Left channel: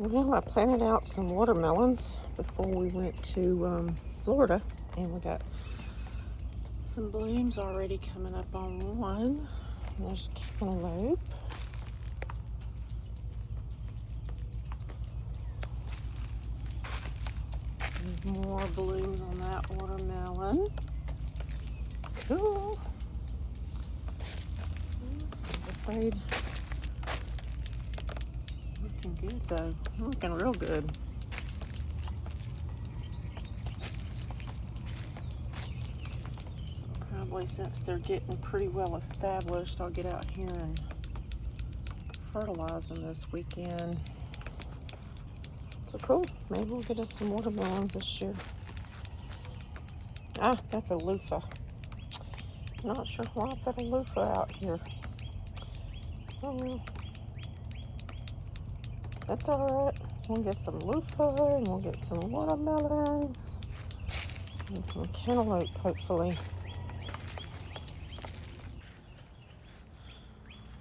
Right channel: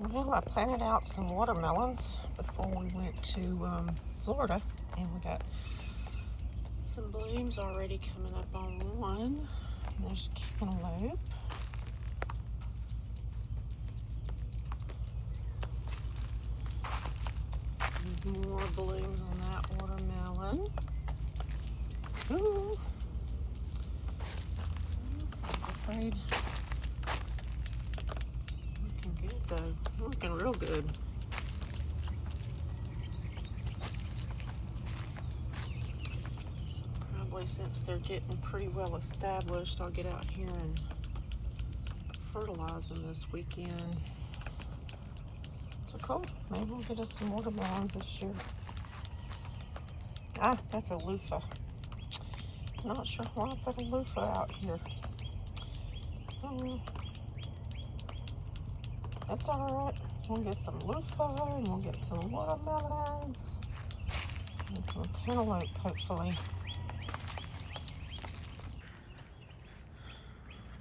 Well, I planted out some watermelons before we went to Florida, and we got some blooms already coming up on one. There's cantaloupe. Some more blooms on that watermelon. Cool. I was afraid. Looking good though. Looking real good. So probably since they're getting pretty well established, I'll get out here and fertilize them this weekend. So cool. Maybe we'll get us some watermelons this year. Ah, that's a loofah. Not sure why I put a loofah out here. Oh well. That's alright. We'll get some loofah and we'll get some watermelons and some cantaloupe, hopefully.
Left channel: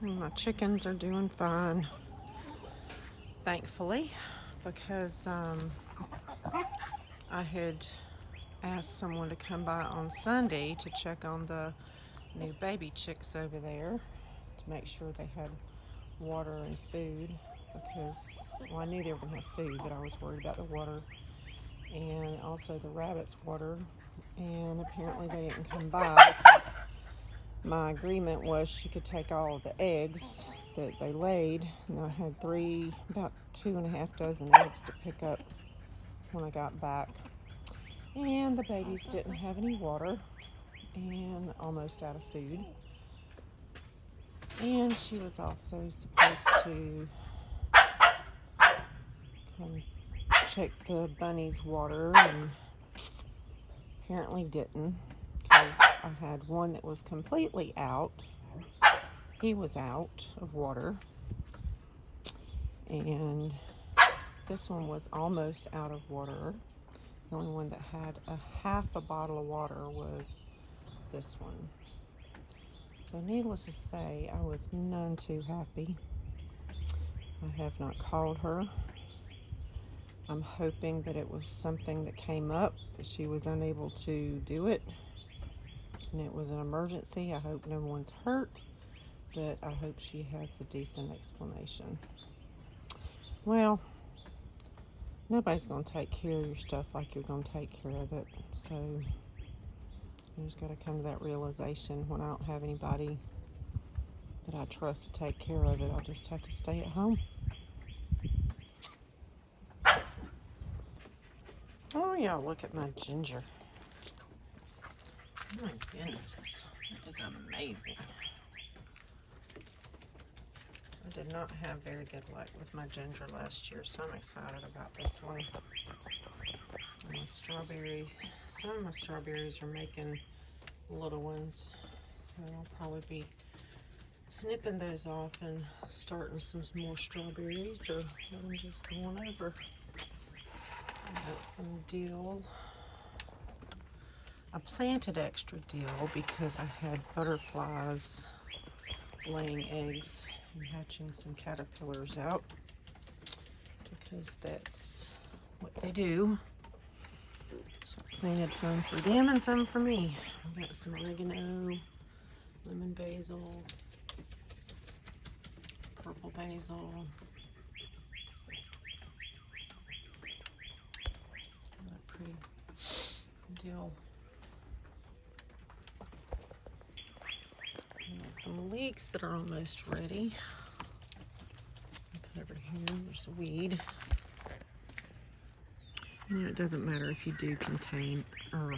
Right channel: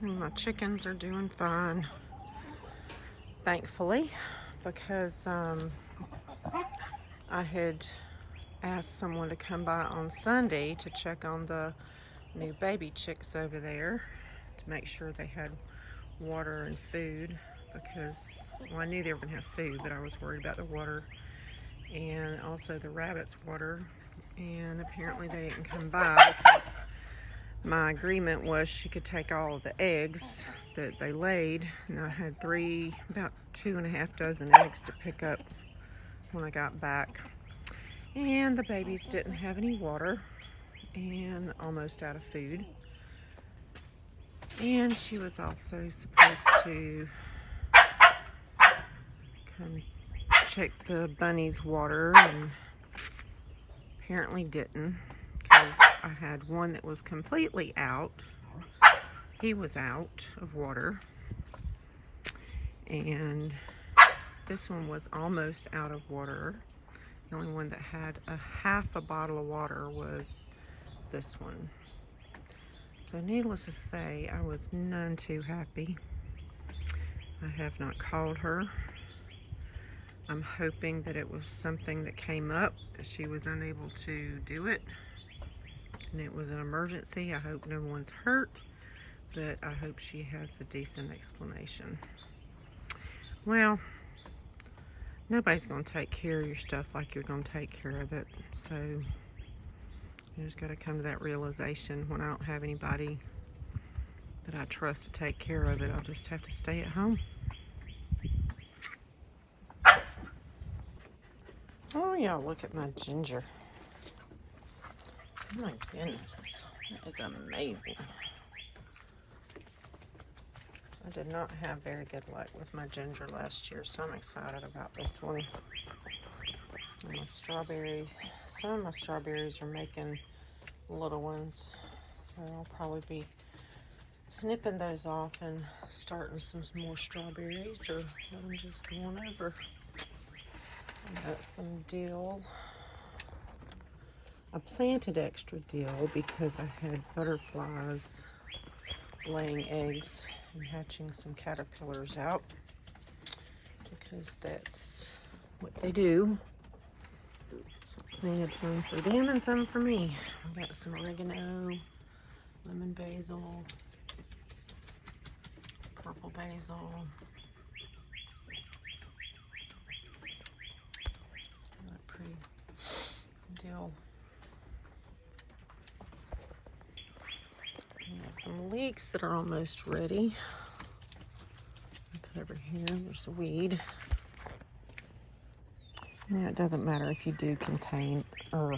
And my chickens are doing fine, thankfully, because I had asked someone to come by on Sunday to check on the new baby chicks over there to make sure they had water and food, because, well, I knew they were going to have food, but I was worried about the water and also the rabbits' water, and apparently they didn't come by because my agreement was she could take all of the eggs that they laid, and I had about 2.5 dozen eggs to pick up when I got back. And the babies didn't have any water and almost out of food. And she was also supposed to come check the bunnies' water, and apparently didn't, because I had one that was completely out. He was out of water. And this one was almost out of water. The only one that had half a bottle of water was this one. So needless to say, I was none too happy. I have not called her. I'm hoping that it was something that came up, that she was unable to do it, and it was an emergency. I hope no one's hurt, but I hope she has a decent explanation. Well, nobody's going to take care of your stuff like you're going to take care of it. So you just got to come to that realization. When I don't have anybody that I trust to take care of it, I'll just have to stay at home. Oh yeah, look at my ginger. Oh my goodness, that is amazing. I did not have very good luck with my ginger last year, so I'm excited about this one. And my strawberries, some of my strawberries are making little ones, so I'll probably be snipping those off and starting some more strawberries, or let them just go on over. I got some dill. I planted extra dill because I had butterflies laying eggs and hatching some caterpillars out, because that's what they do. So I planted some for them and some for me. I've got some oregano, lemon basil, purple basil. That pretty dill. Got some leeks that are almost ready. Look over here, there's a weed. You know, it doesn't matter if you do contain or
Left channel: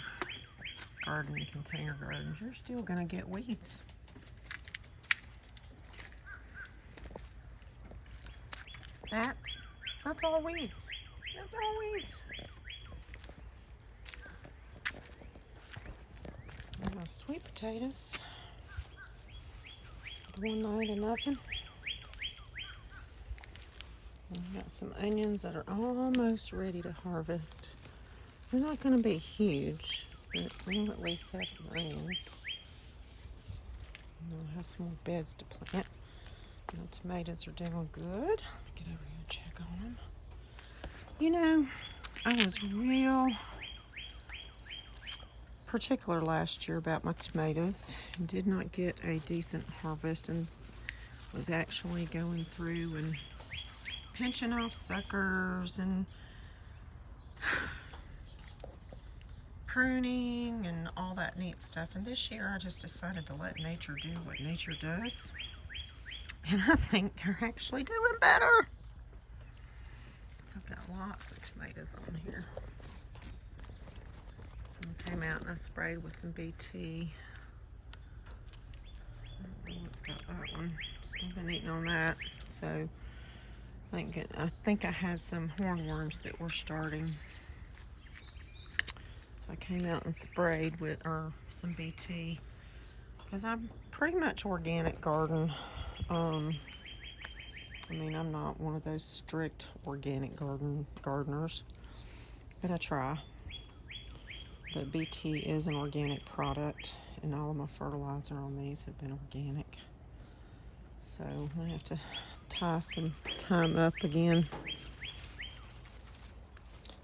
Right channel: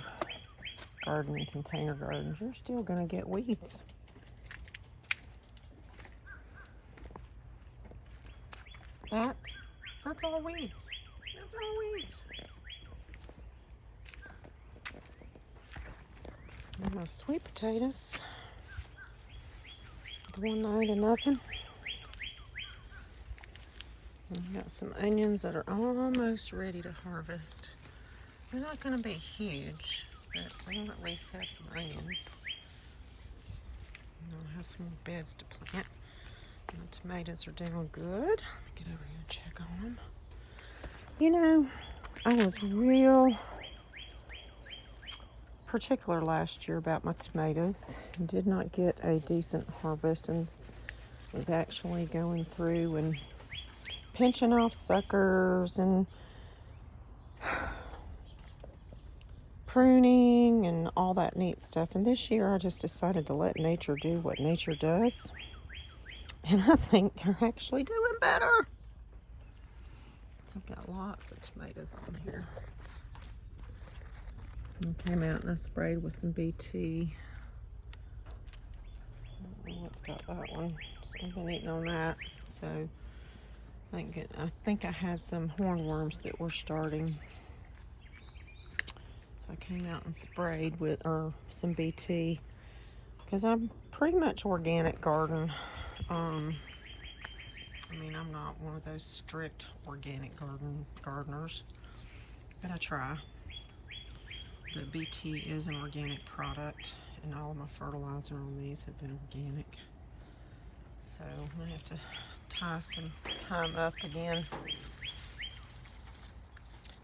garden in container gardens, you're still gonna get weeds. That's all weeds. That's all weeds. And my sweet potatoes going 9 to nothing. I've got some onions that are almost ready to harvest. They're not going to be huge, but we'll at least have some onions. And I'll have some more beds to plant. My tomatoes are doing good. Get over here and check on them. You know, I was real particular last year about my tomatoes and did not get a decent harvest, and was actually going through and pinching off suckers and pruning and all that neat stuff. And this year I just decided to let nature do what nature does, and I think they're actually doing better. So I've got lots of tomatoes on here. And came out and I sprayed with some BT. I don't know what's got that one. So I've been eating on that. So I think I had some hornworms that were starting. So I came out and sprayed with some BT, because I'm pretty much organic garden. I mean, I'm not one of those strict organic gardeners, but I try. But BT is an organic product, and all of my fertilizer on these have been organic. So I'm gonna have to tie some time up again.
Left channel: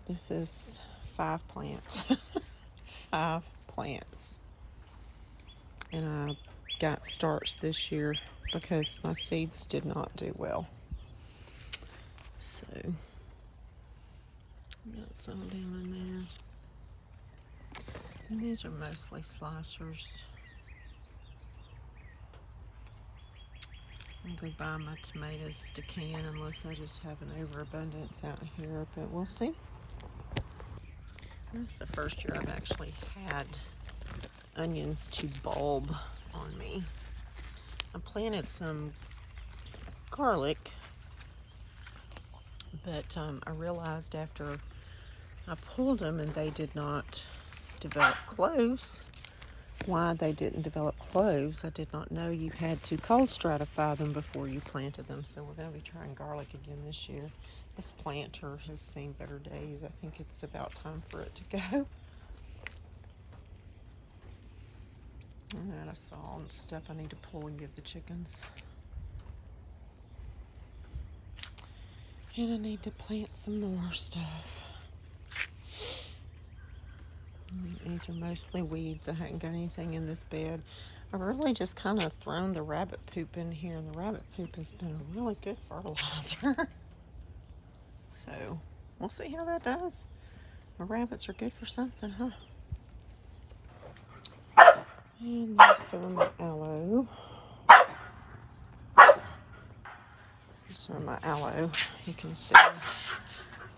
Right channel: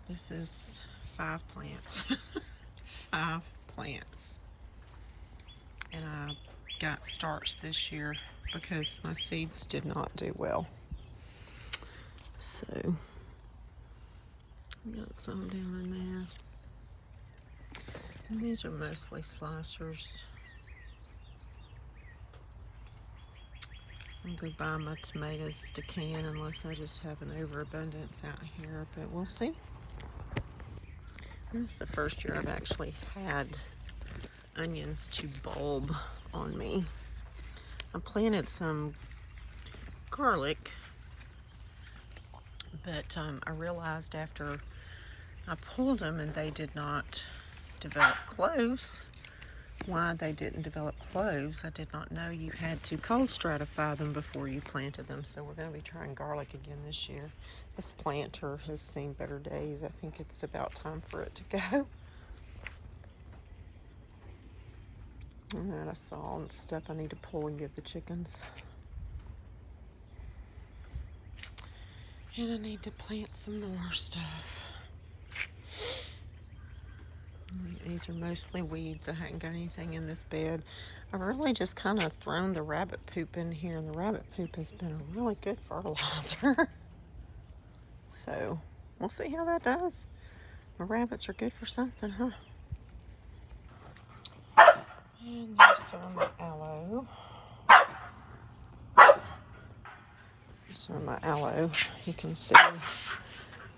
This is 5 plants. 5 plants. And I got starts this year because my seeds did not do well. So got some down in there. And these are mostly slicers. I'll go buy my tomatoes to can unless I just have an overabundance out here, but we'll see. This is the first year I've actually had onions to bulb on me. I planted some garlic, but I realized after I pulled them and they did not develop cloves. Why they didn't develop cloves, I did not know you had to cold stratify them before you planted them. So we're going to be trying garlic again this year. This planter has seen better days. I think it's about time for it to go. And then I saw stuff I need to pull and give the chickens. And I need to plant some more stuff. These are mostly weeds. I hadn't got anything in this bed. I've really just kind of thrown the rabbit poop in here, and the rabbit poop has been a really good fertilizer. So we'll see how that does. The rabbits are good for something, huh? And there's some of my aloe. Some of my aloe. You can see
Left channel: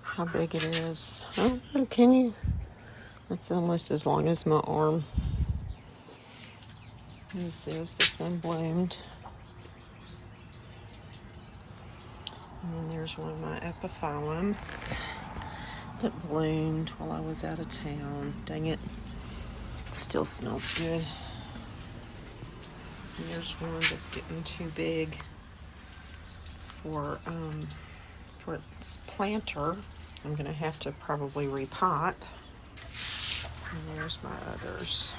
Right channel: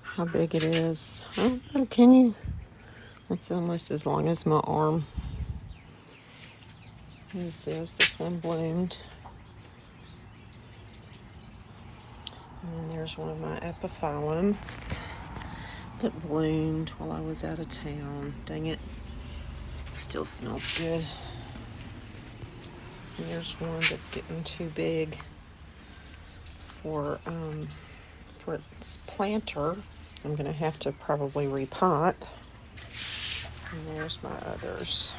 how big it is. Oh, can you? It's almost as long as my arm. This one bloomed. And then there's one of my epiphyllums that bloomed while I was out of town. Dang it. Still smells good. And there's one that's getting too big for its planter. I'm going to have to probably repot. And there's my others.